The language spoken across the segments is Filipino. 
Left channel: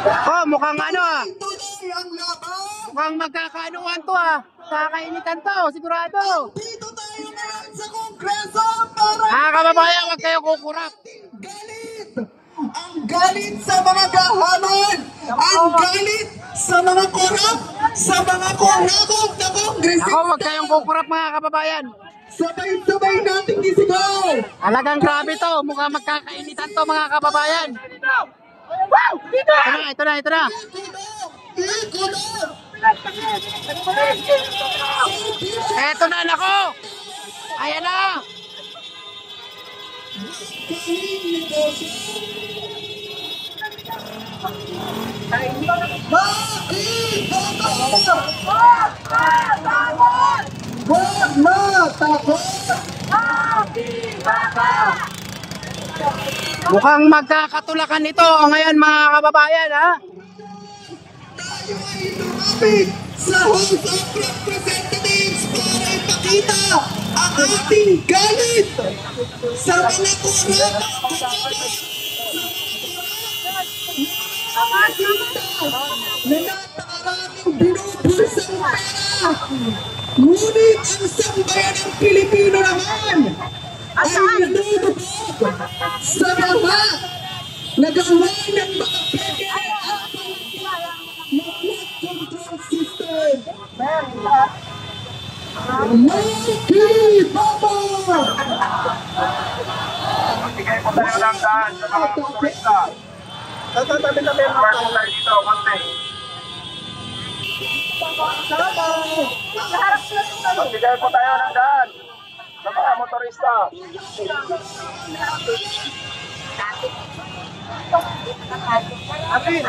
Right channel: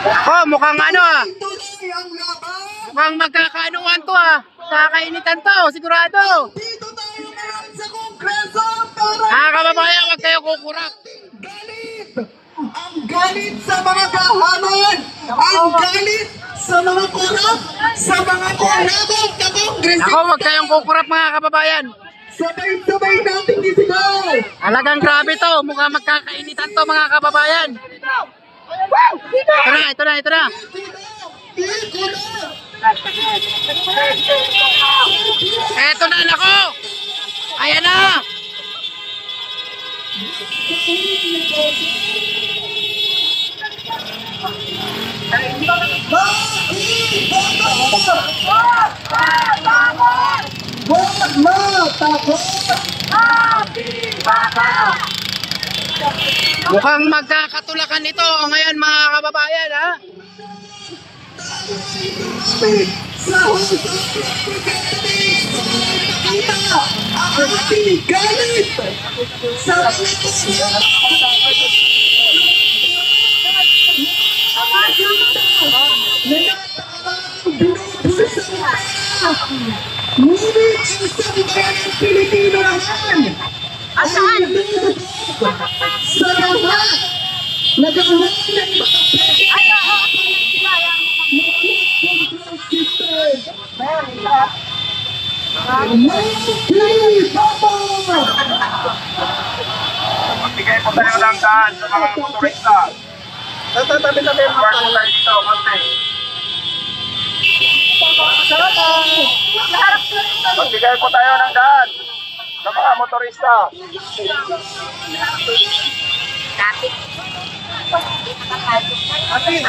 Ako, mukhang ano ah. Mukhang magkakaanuan to ah. Kakainitan to, sigurado. Dito tayo ngayon sa Kongreso para Mga kababayan, huwag kayo kukurap. galit! Ang galit sa mga gahaman! Ang galit sa mga kurap! Sa mga kurabot na Kongreso! Ako, huwag kayong kukurap mga kababayan. Sabay-sabay nating isigaw! Talagang grabe to. Mukhang magkakainitan to mga kababayan. Wow! Ito na. Iko na! Eto na, nako! Ayan na! Huwag matakot! Mukhang magkakatulakan ito ngayon mga kababayan ha? Lumapit sa House of Representatives para ipakita ang ating galit sa mga kurap! Ngunit ang sambayan ng Pilipino naman ay nalulubog sa lahat na gawa ng mga control system. Bigay po tayo ng daan sa mga turista. Natatabi na meron Work tayo dito, konti. Magbigay po tayo ng daan sa mga motorista. Atin!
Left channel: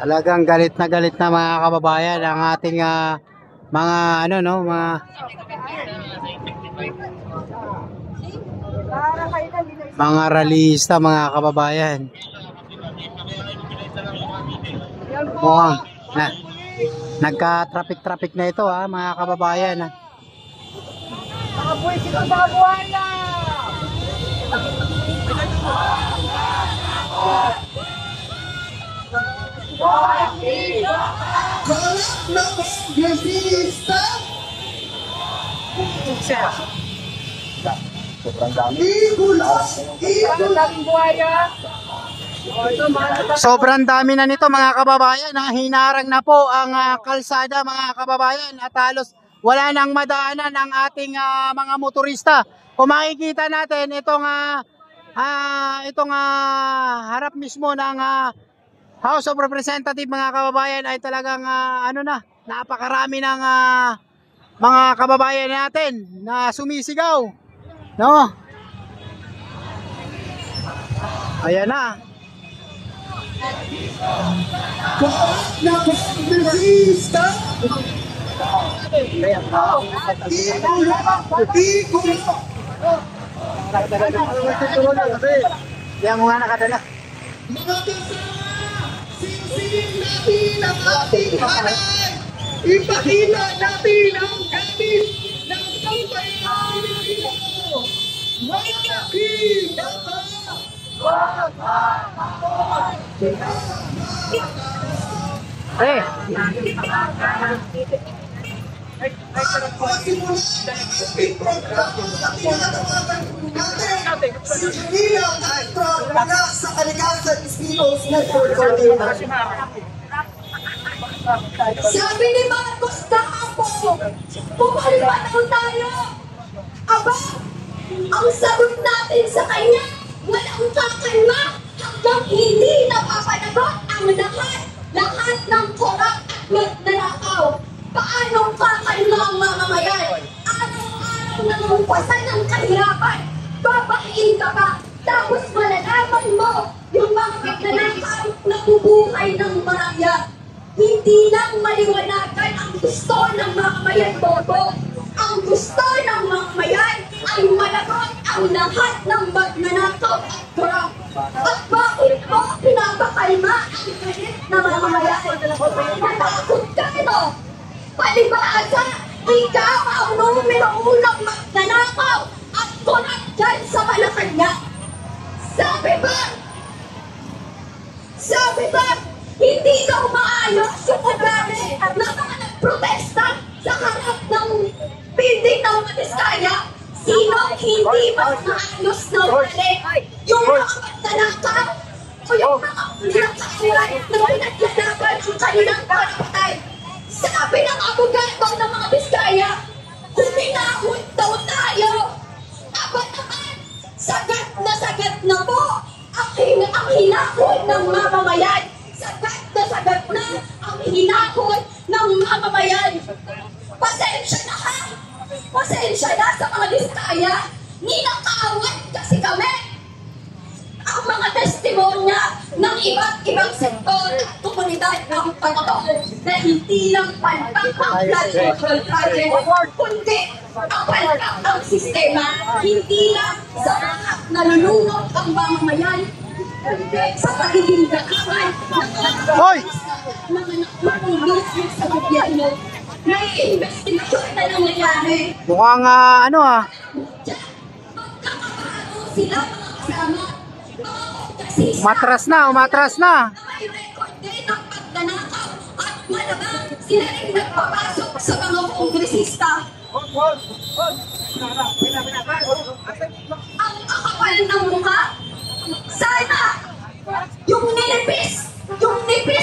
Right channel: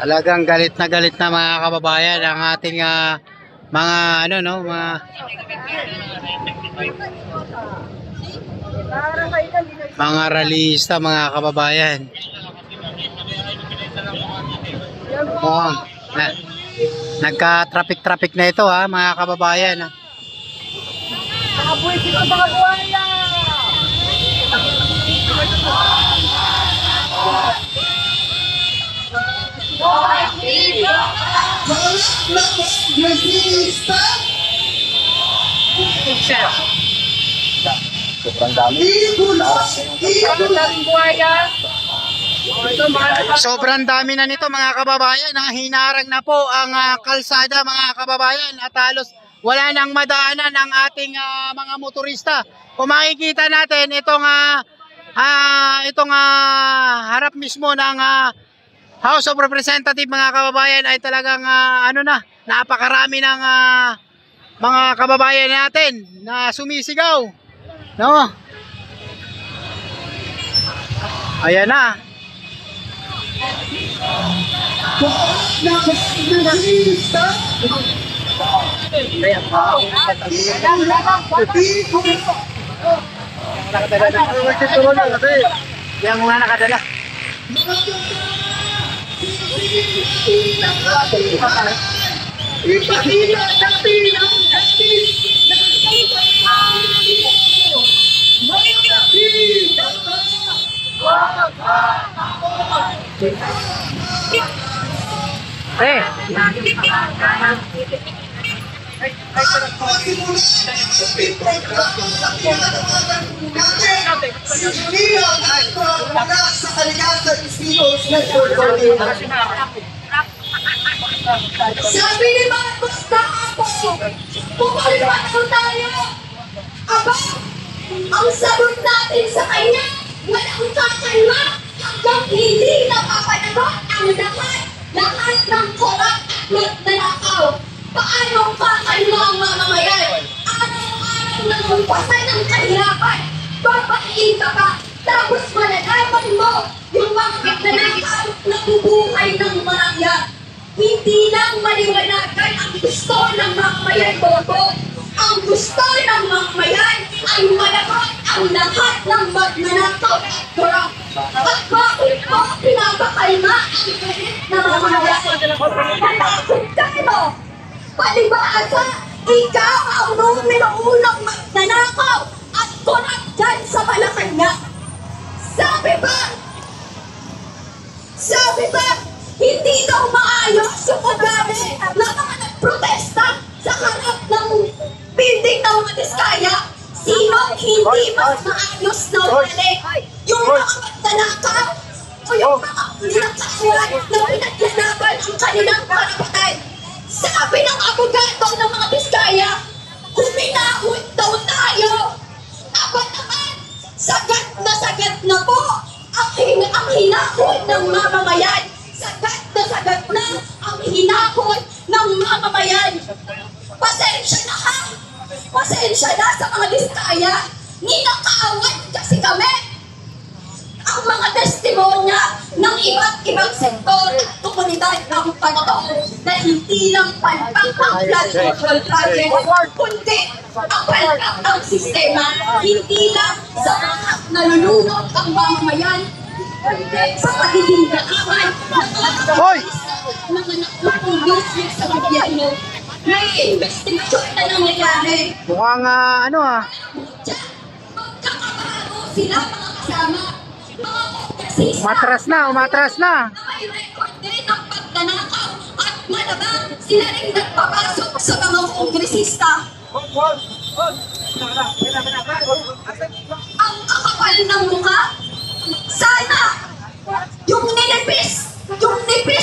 Talagang galit na mga kababayan ang ating mga ano no, mga rallyista mga kababayan. Mukhang nagka-traffic na ito ha mga kababayan ha. Kalat na kongresista! Sobrang dami na nito mga kababayan ha. Hinarang na po ang kalsada mga kababayan at halos wala nang madaanan ang ating mga motorista. Kung makikita natin itong harap mismo ng House of Representatives mga kababayan ay talagang napakarami ng mga kababayan natin na sumisigaw, no? Ayan na. Yang mga nakadala. Ipakita natin ang galit ng sambayan ng Pilipino. May nakita ka! Wag sa Kalikasan is People's Network Coordinator. Sabi ni Marcos Taapo, pumalipat tayo. Aba, ang sagot natin sa kanya, walang kakalma hanggang hindi napapanagot ang lahat ng korap at nanakaw. Paano kakalma ang mamamayan? Araw-araw na nampasan ng kahirapan. Babakiin ka pa Tapos malalaman mo yung mga magnanakaw na bubuhay ng maraya. Hindi lang maliwanagan ang gusto ng mamamayan bobo. Ang gusto ng mamamayan ay malagot ang lahat ng magnanakaw at korap. At bakit mo pinapakalma ang galit na mamamayan? Natakot kayo! Palibasa, ikaw ang numero unang magnanakaw at korap dyan sa Malacanang. Sabi ba, hindi daw maayos yung ugali ng mga nagprotesta sa harap ng building ng mga Diskaya? Sinong hindi mas maayos na ugali? Yung mga magnanakaw o yung mga nakasulat na pinaglalaban ang kanilang karapatan? Sabi ng abogado ng mga Diskaya, huminahon daw tayo. Aba naman, sagad na po ang hinahon ng mamamayan. Sagad na ang hinahon ng mamamayan. Pasensya na ha! Pasensya na sa mga Diskaya. Ninakawan kasi kami. Ang mga testimonya ng iba't ibang sektor at komunidad ng pagkakao na hindi lang palpak ang flood control project, kundi ang palpak ang sistema, hindi lang sa mga nalulunod ang mamamayan, kundi sa pagiging dakawan ng mga nakukulis sa gobyerno. May investigasyon na nangyayari. Mukhang Magkakabaro sila mga kasama. umatras na. May record din ng pagnanakaw at malamang sila rin nagpapasok sa mga kongresista. Ang kakapal ng mukha, sana yung nipis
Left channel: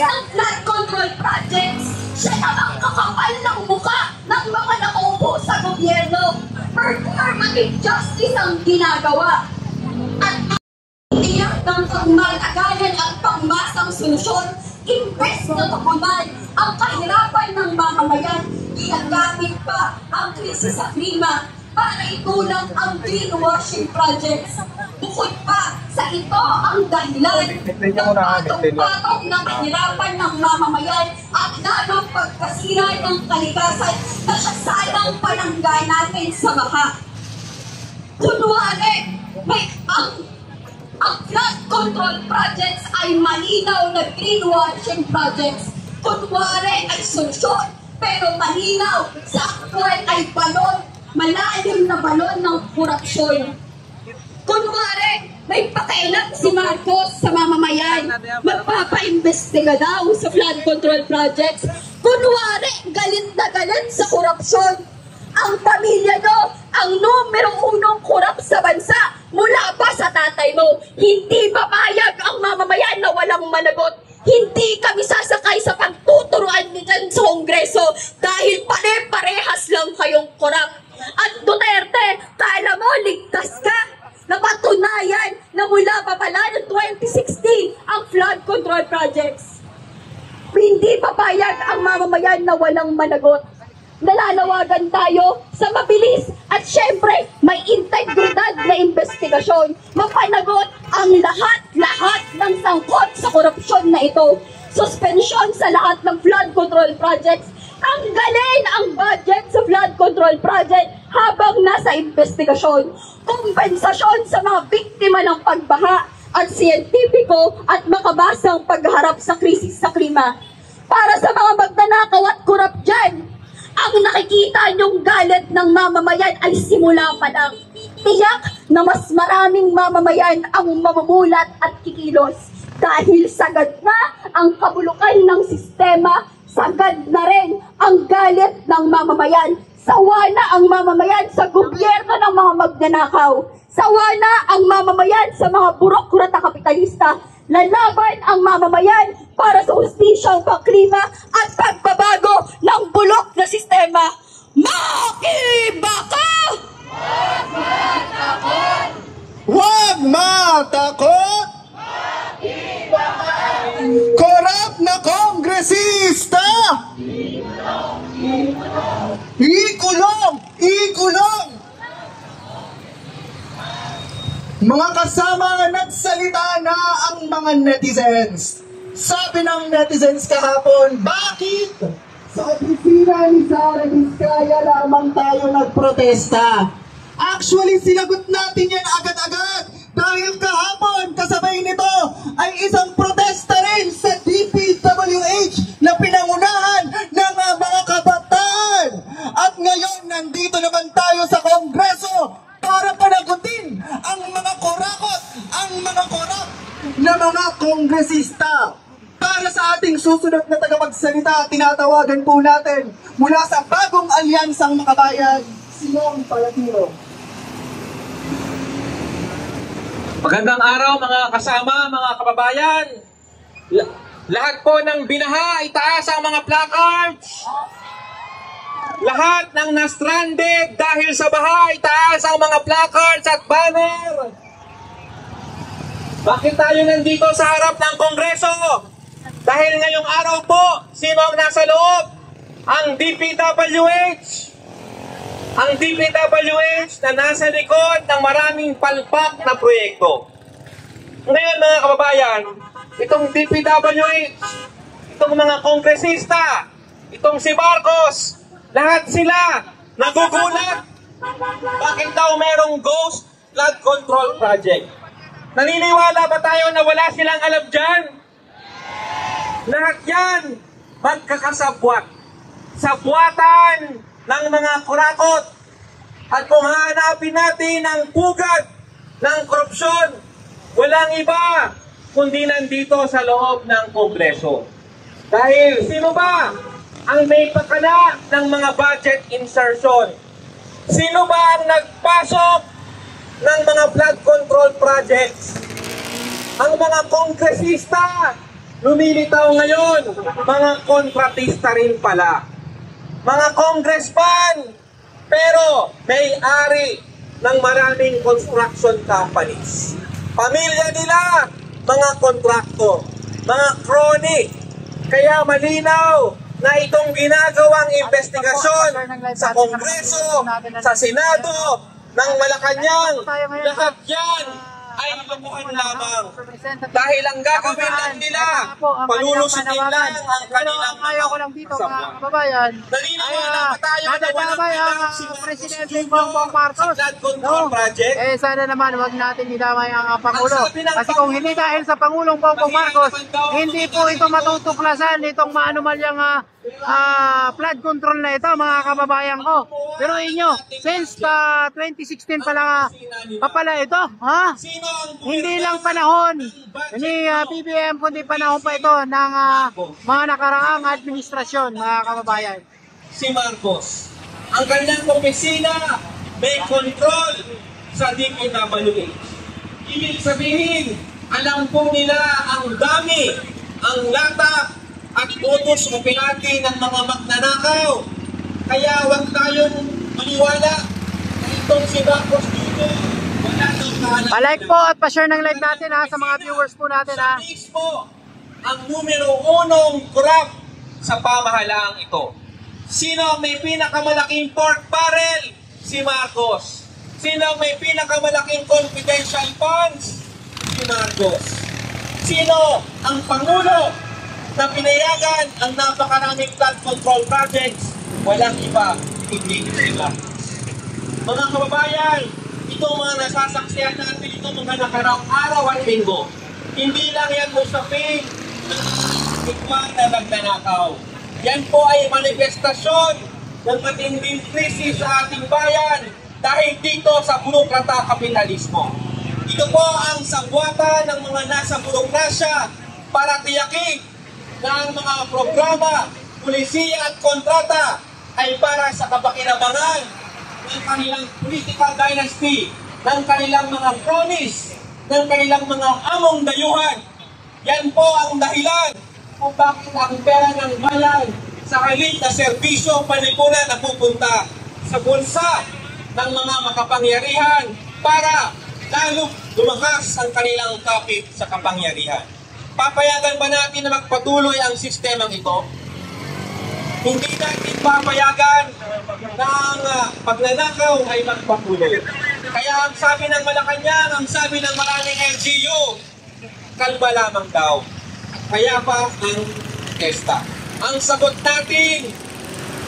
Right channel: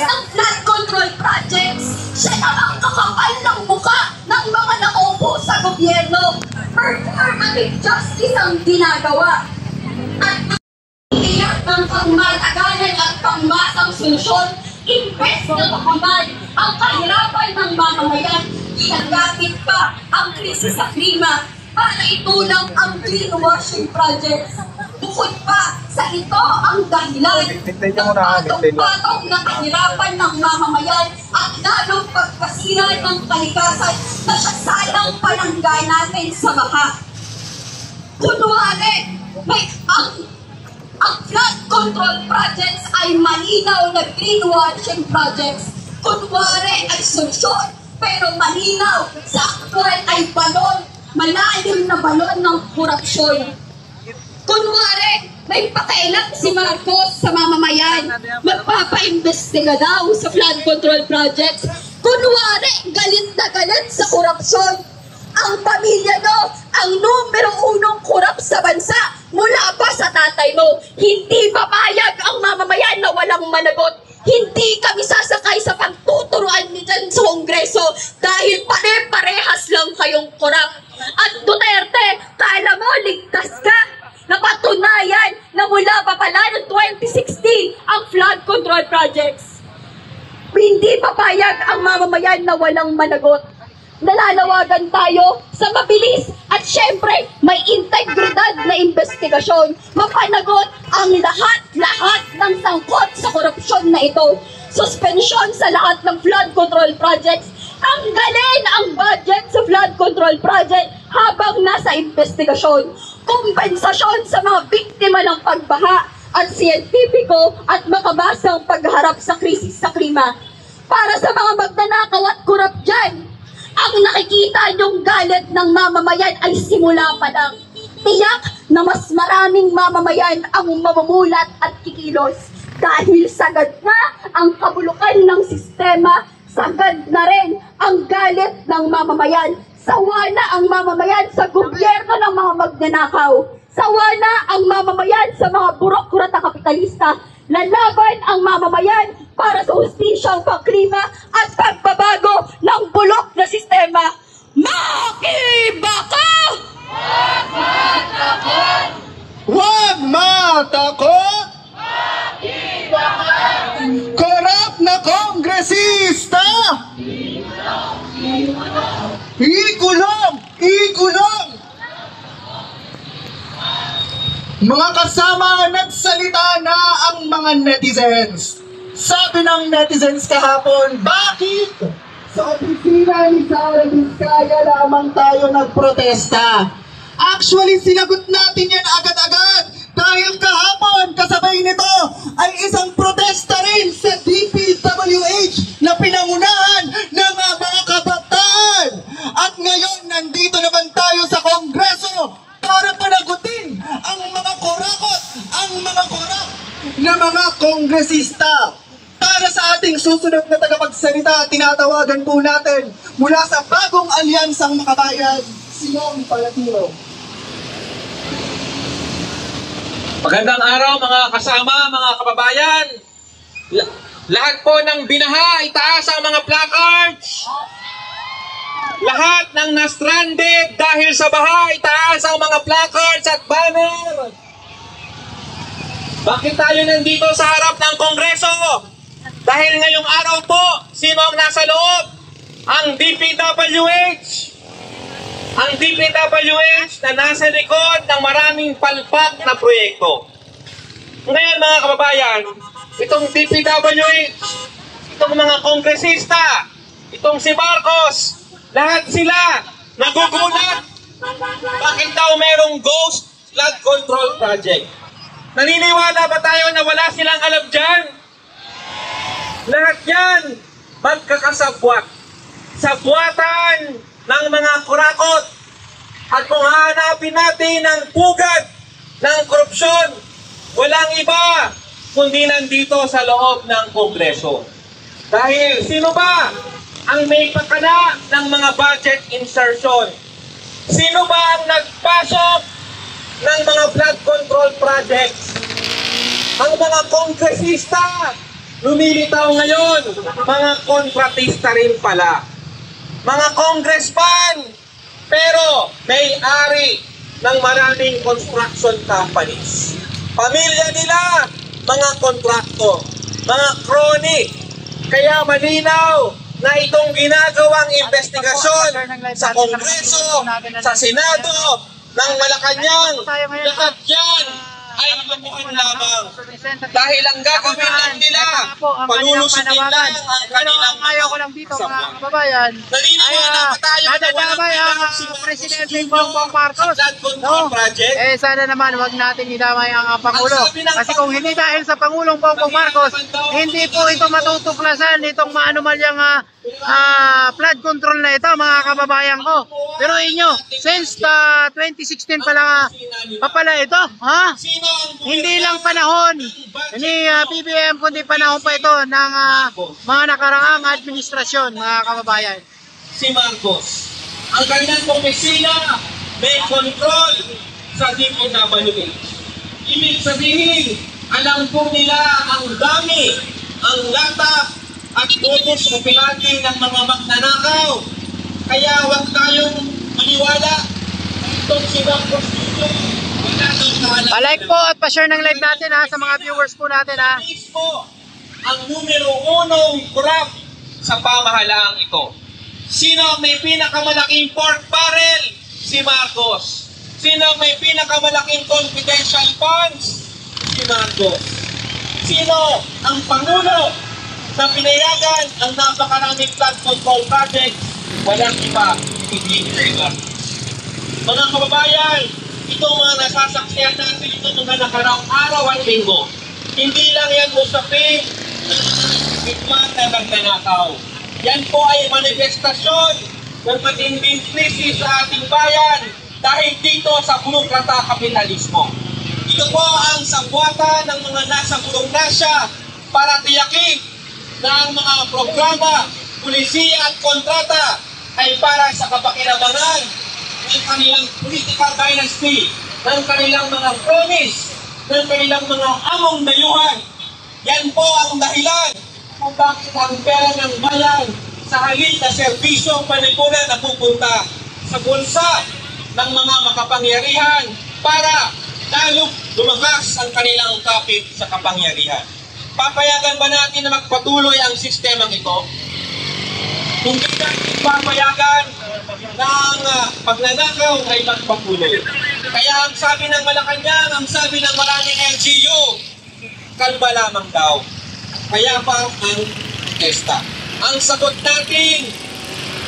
ng flood control projects, siya namang kakapal ng mukha ng mga naupo sa gobyerno. Performative justice ang ginagawa. At iyak ng pangmatagalan at pangmasang solusyon, imbes na tukunan ang kahirapan ng mamamayan, ginagamit pa ang krisis sa klima para itulang ang greenwashing projects. Bukod pa sa ito ang dahilan ng patong-patong ng kahirapan ng mamamayan at lalong pagkasira ng kalikasan na siya sanang panangga natin sa baha. Kunwari, ang flood control projects ay malinaw na greenwashing projects. Kunwari ay solusyon, pero malinaw sa actual ay balon, malalim na balon ng korupsyon. Kunwari, may pakailan si Marcos sa mamamayan, magpapaimbestiga daw sa flood control projects. Kunwari, galit na galit sa korupsyon. Ang pamilya mo, ang numero unong korap sa bansa, mula pa sa tatay mo. Hindi papayag ang mamamayan na walang managot. Hindi kami sasakay sa pagtuturuan ni dyan sa Kongreso dahil pare-parehas lang kayong korap. At Duterte, kala mo ligtas ka? Napatunayan na mula pa pala noong 2016 ang flood control projects. Hindi papayag ang mamamayan na walang managot. Nalalawagan tayo sa mabilis at syempre may integridad na investigasyon. Mapanagot ang lahat ng sangkot sa korupsyon na ito. Suspensyon sa lahat ng flood control projects. Tanggalin ang budget sa flood control project habang nasa investigasyon. Kompensasyon sa mga biktima ng pagbaha at siyentipiko at makabasang pagharap sa krisis sa klima. Para sa mga magnanakaw at korap dyan, ang nakikita niyong galit ng mamamayan ay simula pa lang. Tiyak na mas maraming mamamayan ang mamumulat at kikilos dahil sagad na ang kabulukan ng sistema, sagad na rin ang galit ng mamamayan. Sawa na ang mamamayan sa gobyerno ng mga magnanakaw. Sawa na ang mamamayan sa mga burokrata kapitalista. Lalaban ang mamamayan para sa hustisyang pangklima at pagbabago ng bulok na sistema. Makibaka! Huwag matakot! Korap na kongresista! Ikulong! Ikulong! Mga kasama, nagsalita na ang mga netizens. Sabi ng netizens kahapon, bakit? Sa opisina ni Sara Vizcaya lamang tayo nagprotesta. Actually, sinagot natin yan agad-agad. Dahil kahapon, kasabay nito ay isang protesta rin sa DPWH na pinangunahan ng mga kabataan. At ngayon, nandito naman tayo sa Kongreso para panagutin ang mga korakot, ang mga korap na mga kongresista. Para sa ating susunod na tagapagsalita, tinatawagan po natin mula sa bagong alyansang makabayan, Sinong Palatino. Magandang araw mga kasama, mga kababayan. Lahat po ng binaha, itaas ang mga placards. Lahat ng na-stranded dahil sa baha, itaas ang mga placards at banner. Bakit tayo nandito sa harap ng Kongreso? Dahil ngayong araw po, sino ang nasa loob? Ang DPWH. Ang DPWH na nasa likod ng maraming palpak na proyekto. Ngayon mga kababayan, itong DPWH, itong mga kongresista, itong si Marcos, lahat sila nagugulat. Bakit daw merong ghost flood control project? Naniniwala ba tayo na wala silang alam dyan? Lahat yan magkakasabwat. Sabwatan ng mga kurakot. At kung hahanapin natin ang pugad ng korupsyon, walang iba kundi nandito sa loob ng Kongreso. Dahil sino ba ang may pakana ng mga budget insertion? Sino ba ang nagpasok ng mga flood control projects? Ang mga kongresista, lumilitaw ngayon, mga kontratista rin pala. Mga congressman, pero may-ari ng maraming construction companies. Pamilya nila, mga kontraktor, mga crony. Kaya malinaw na itong ginagawang investigasyon sa Kongreso, sa Senado, ng Malacanang, lahat yan ay mabukin lamang. Dahil ang gagawin lang nila, palulusutin lang ang kanilang ayaw ko lang dito mga kababayan ay nadadamay ang Presidente Bongbong Marcos. No? Sana naman wag natin idamay ang Pangulo. Kasi kung hindi dahil sa Pangulong Bongbong Marcos, hindi po ito matutuklasan itong maanumalyang flood control na ito mga kababayan ko. Pero inyo, since 2016 pala ito, ha? Hindi lang panahon ni PBM kundi panahon pa ito ng mga nakaraang administrasyon mga kababayan. Si Marcos, ang kanilang opisina may control sa DPWH. Ibig sabihin, alam po nila ang dami, ang lata at modus operandi ng mga magnanakaw. Kaya huwag tayong maniwala na itong si Marcos dito. Pa-like po at pa-share ng live natin sa mga viewers po natin Mismo ang numero 1 korap sa pamahalaang ito. Sino ang may pinakamalaking pork barrel? Si Marcos. Sino ang may pinakamalaking confidential funds? Si Marcos. Sino ang Pangulo na pinayagan ang napakaraming flood control projects? Walang iba, hindi sila. Mga kababayan, itong mga nasasaksihan natin itong mga nakaraang araw at linggo, hindi lang yan usapin ng bigman na nagnanakaw. Yan po ay manifestasyon ng matinding krisis sa ating bayan dahil dito sa burokrata kapitalismo. Ito po ang sagwatan ng mga nasa burokrasya para tiyakin na ang mga programa, pulisiya at kontrata ay para sa kapakinabangan ng kanilang political dynasty, ng kanilang mga promise, ng kanilang mga among dayuhan. Yan po ang dahilan kung bakit ang pera ng bayan sa halip na serbisyo panipuna na pupunta sa bulsa ng mga makapangyarihan para lalo lumakas ang kanilang kapit sa kapangyarihan. Papayagan ba natin na magpatuloy ang sistemang ito? Hindi natin papayagan ng pagnanakaw ay magpatuloy. Kaya ang sabi ng Malacanang, ang sabi ng maraming LGU, kalma lamang daw. Kaya pa ang protesta. Ang sagot natin,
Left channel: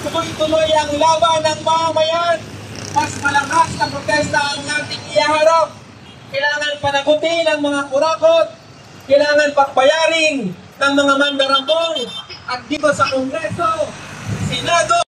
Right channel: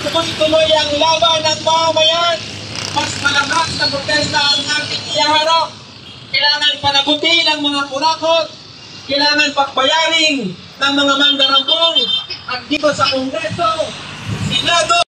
tuloy-tuloy ang laban ng mamamayan. Mas malakas na protesta ang ating iharap. Kailangan panagutin ang mga kurakot. Kailangan pakbayarin ng mga mandarambong. At dito sa Kongreso, Senado,